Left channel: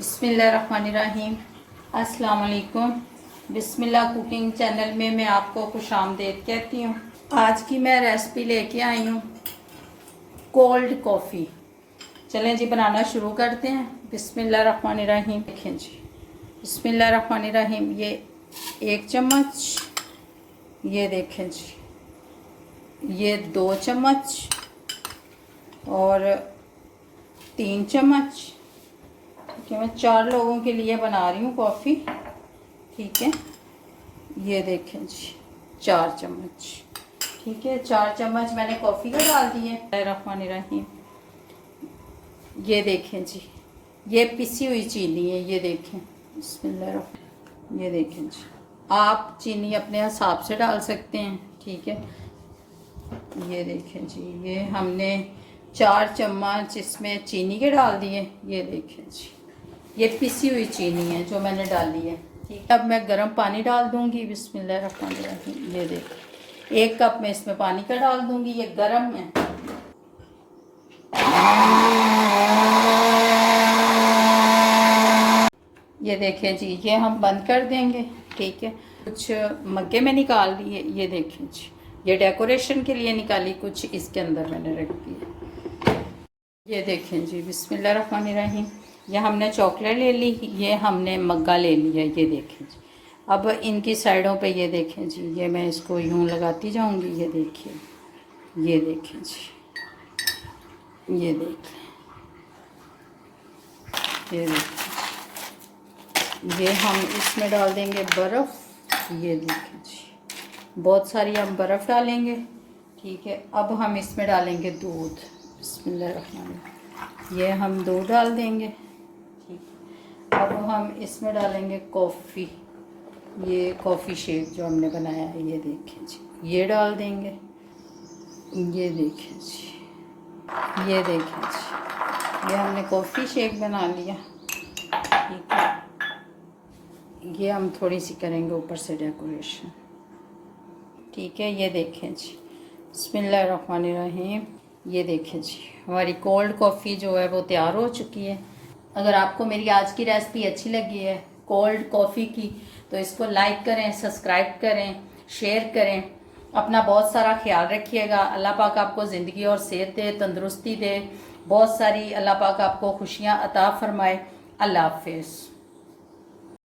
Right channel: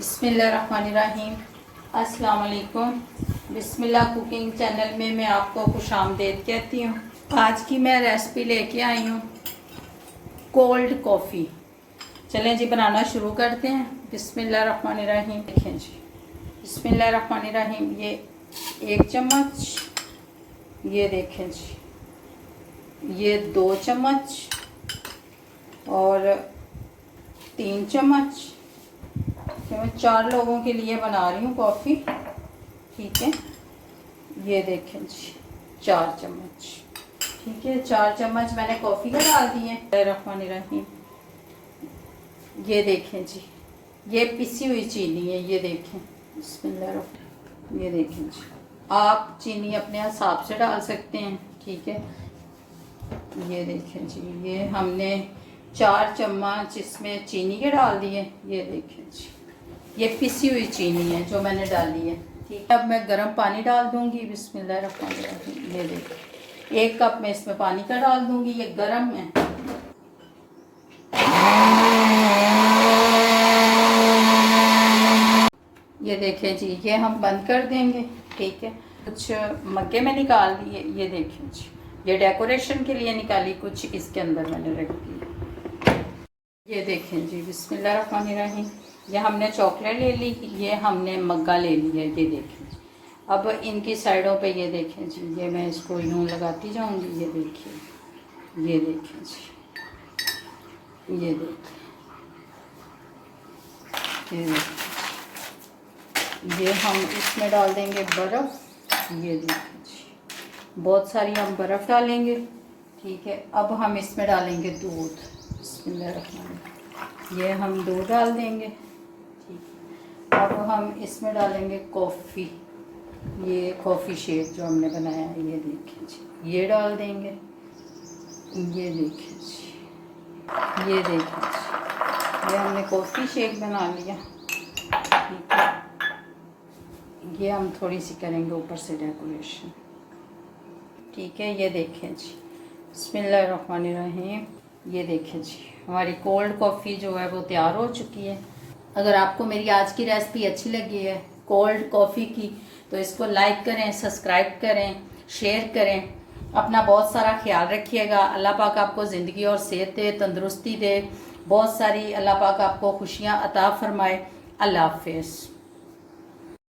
बिस्मिल्लाहिर्रहमानिर्रहीम। अस्सलाम वालेकुम। बिस्मिल्लाह कुकिंग चैनल में मैं आपको खुशामदीद कहती हूँ। आज की मैं रेसिपी लेके आई हूँ कोल्ड कॉफ़ी। चलें जी बनाना शुरू करते हैं। बिस्मिल्लाहिर्रहमानिर्रहीम। देखें जी, बिस्मिल्लाहिर्रहमानिर्रहीम। ये 1 चम्मच, ये देखें जी, ये 2 चम्मच और 3 चम्मच। मैं 4 लोगों के लिए बना रही हूँ कॉफ़ी, ठीक है। ये देखें जी, 4 चम्मच, ठीक है। 4 चम्मच मैंने कॉफ़ी का डाल दिए। रहीम। ये देखें जी, ये पिसी हुई चीनी है, ये देखें। बिस्मिल्लाह। ये देखें जी, आप चीनी अपने हिसाब से डाल सकते हैं, ठीक है। ये देखें जी, ये हमने 4 चम्मच इसमें चीनी के डाल दिए। ये देखें जी, ये पिसी हुई चीनी है जो मैंने डाली है, ठीक है। अब मैं गर्म पानी डाल दूंगी। बिस्मिल्लाहिर्रहमानिर्रहीम। ये देखिए, 1 कप मैं इसमें पानी का डाल दूंगी, ये गर्म है। ये देखें जी, ये हम बंद कर देंगे, ठीक है। कुछ मग्गे में निकाल दिए, ये देखें जी, ये डेकोरेशन के लिए निकाली, कुछ इसके अंदर मैंने रख दिया। ये देखें जी, बिस्मिल्लाहिर्रहमानिर्रहीम। ये हमने चॉकलेट ले ली, ये हमने मग्गा ले लिया। ये देखें जी, अब इनकी साइडों पे ये देखें जी, ये मैं इसको यूं लगाती जाऊंगी। ये देखिए, ये देखें जी, ये देखें, ये देखें। ये हम इसमें डाल देंगे बर्फ़। ये देखें जी, बहुत सारी हम बर्फ़ डालेंगे, ठीक है। अब हम इसमें डालेंगे दूध। बिस्मिल्लाह। ये हम दूध डाल देंगे, ठीक। अब हम इसमें डालेंगे कॉफ़ी, ये कॉफ़ी शेक जो हमने बनाया है। ये देखें जी, ये डाल देंगे। ये देखें जी, ये देखें जी, ये हमने कॉफ़ी शेक बना लिया, ठीक है। ये हम थोड़ी सी करेंगे ऊपर से डेकोरेशन, ठीक है। ये देखें जी, बिस्मिल्लाहिर्रहमानिर्रहीम। ये देखें जी, हमारी कोल्ड कॉफ़ी जो है वो तैयार हो चुकी है। अगर आपको मेरी आज की रेसिपी अच्छी लगी है कोल्ड कॉफ़ी की, तो इसको लाइक करें, सब्सक्राइब करें, शेयर करें। अपना बहुत सारा ख्याल रखिएगा। अल्लाह पाक आपको ज़िंदगी और सेहत दे, तंदुरुस्ती दे, बहुत सारी अल्लाह पाक आपको खुशियाँ अता फरमाए। अल्लाह हाफिज़।